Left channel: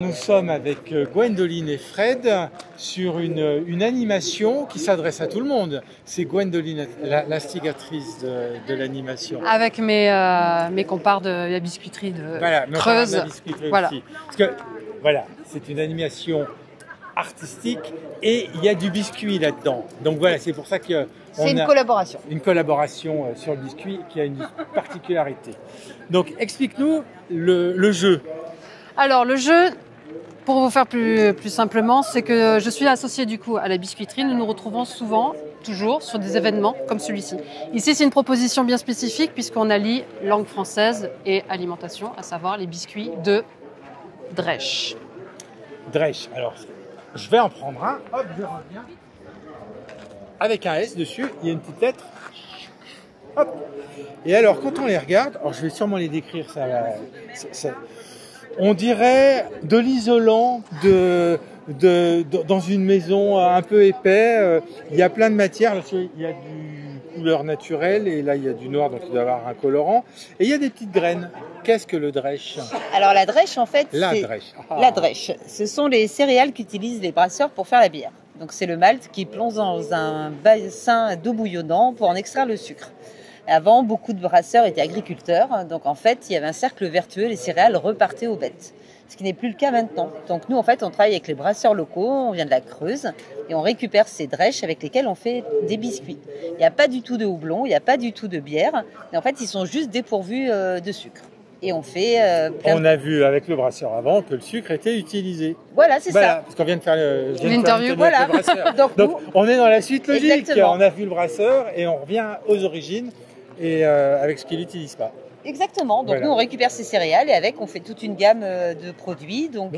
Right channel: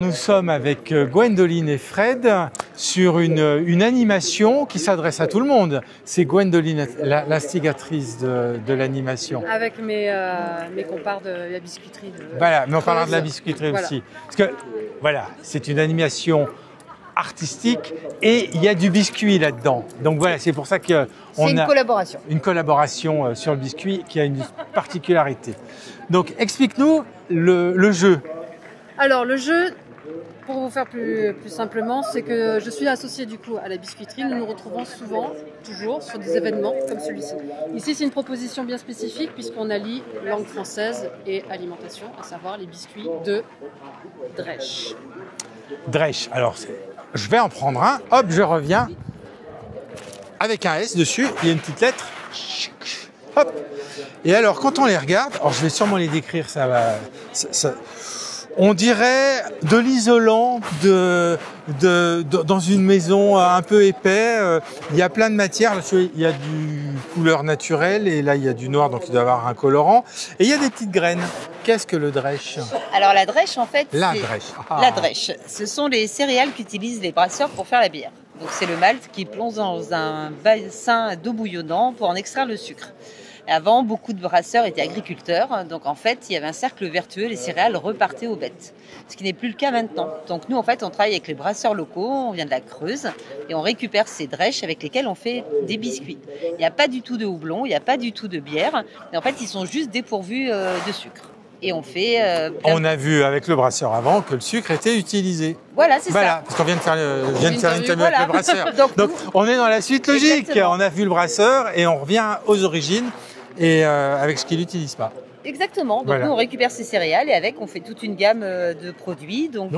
Nous sommes avec Gwendoline et Fred sur une animation qui s'adresse à tout le monde. C'est Gwendoline, l'instigatrice de l'animation. Avec mes compars de la biscuiterie de Voilà, mais on parlera de Creuse. la biscuiterie Voilà. aussi. Parce que, voilà, c'est une animation artistique et il y a du biscuit là-dedans. Donc voilà, c'est pour ça qu'on C'est une a collaboration. une collaboration sur le biscuit qui a une particularité. Donc explique-nous le jeu. Alors le jeu, pour vous faire plus simplement, c'est que je suis associée du coup à la biscuiterie. Nous nous retrouvons souvent, toujours, sur des événements comme celui-ci. Ici, c'est une proposition bien spécifique puisqu'on allie langue française et alimentation, à savoir les biscuits de Drèche. Drèche. Alors, je vais en prendre un. Hop, je reviens. Avec un S dessus, il y a une petite lettre. Hop. Et alors, quand on les regarde, alors je vais sûrement les décrire, ça va. On dirait de l'isolant dans une maison un peu épais. Il y a plein de matières. Il y a du couleur naturelle et là, il y a du noir, donc il doit y avoir un colorant. Et il y a des petites graines. Qu'est-ce que le drèche? Alors la drèche, en fait, La c'est drèche. la drèche. Ce sont les céréales qu'utilisent les brasseurs pour faire la bière. Donc c'est le malt qui plonge dans un bassin d'eau bouillonnant pour en extraire le sucre. Avant, beaucoup de brasseurs étaient agriculteurs, donc en fait, il y avait un cercle vertueux, les céréales repartaient aux bêtes. Ce qui n'est plus le cas maintenant. Donc nous, en fait, on travaille avec les brasseurs locaux, on vient de la Creuse, et on récupère ces drèches avec lesquelles on fait des biscuits. Il n'y a pas du tout de houblon, il n'y a pas du tout de bière, et en fait, ils sont juste dépourvus de sucre. Et on fait On a vu avec le brasseur avant que le sucre était utilisé. Voilà, c'est Voilà, ça. parce qu'on vient de faire L'interview, l'interview voilà. avec le brasseur. Donc, Donc, nous- on est dans la suite logique. Exactement. On a vu le brasseur et on revient aux origines et avec ce qu'il n'utilise pas. Exactement. Donc Voilà. nous, on récupère ces céréales et avec, on fait toute une gamme de produits. Donc,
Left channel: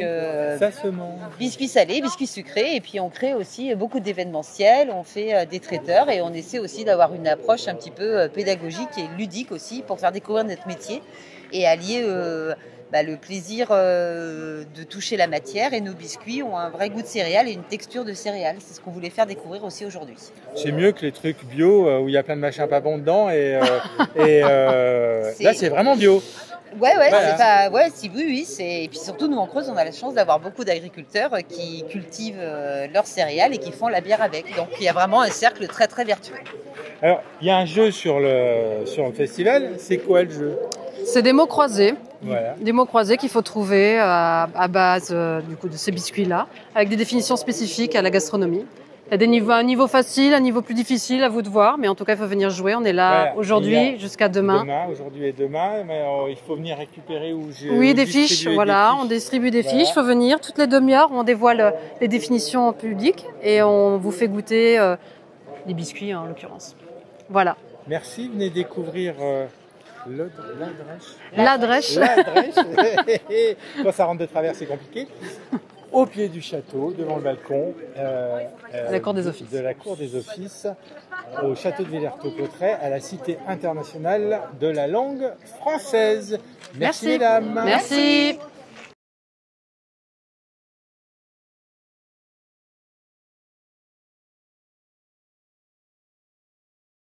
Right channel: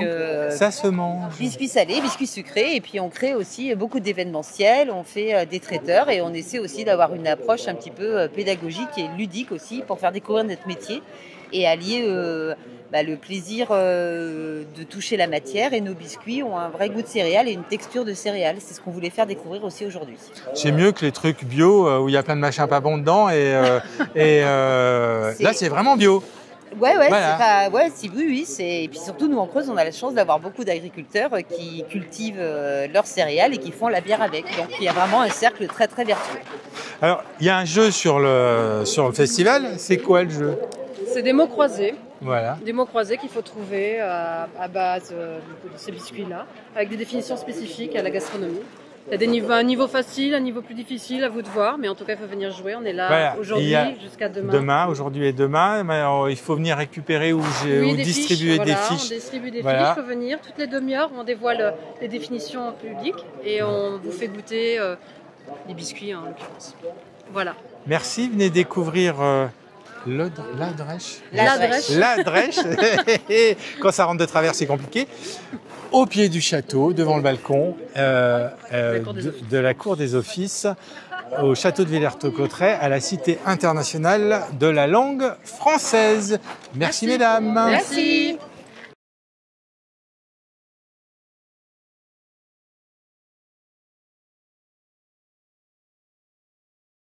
Ça se mange. biscuits salés, biscuits sucrés. Et puis, on crée aussi beaucoup d'événementiels. On fait des traiteurs et on essaie aussi d'avoir une approche un petit peu pédagogique et ludique aussi pour faire découvrir notre métier et allier le plaisir de toucher la matière. Et nos biscuits ont un vrai goût de céréales et une texture de céréales. C'est ce qu'on voulait faire découvrir aussi aujourd'hui. C'est mieux que les trucs bio où il y a plein de machins pas bons dedans là c'est vraiment bio. Ouais, Voilà. c'est pas. Ouais, si, oui, c'est. Et puis surtout, nous en Creuse, on a la chance d'avoir beaucoup d'agriculteurs qui cultivent leurs céréales et qui font la bière avec. Donc il y a vraiment un cercle très très vertueux. Alors il y a un jeu sur le festival. C'est quoi le jeu? C'est des mots croisés. Voilà. Des mots croisés qu'il faut trouver à base du coup, de ces biscuits-là, avec des définitions spécifiques à la gastronomie. Il y a des niveaux, un niveau facile, un niveau plus difficile, à vous de voir, mais en tout cas, il faut venir jouer. On est là Voilà. aujourd'hui Il y a jusqu'à demain. Demain, aujourd'hui et demain. Mais alors, il faut venir récupérer ou Oui, des fiches, distribuer voilà, des on fiches. distribue des Voilà. fiches, il faut venir. Toutes les demi-heures, on dévoile les définitions au public et on vous fait goûter les biscuits en l'occurrence. Voilà. Merci, venez découvrir la drèche. La drèche. La drèche. Quand ça rentre de travers, c'est compliqué. Au pied du château, devant le balcon Cour des Offices. de la Cour des Offices, au château de Villers-Cotterêts, à la Cité internationale de la langue française. Merci. Mesdames. Merci.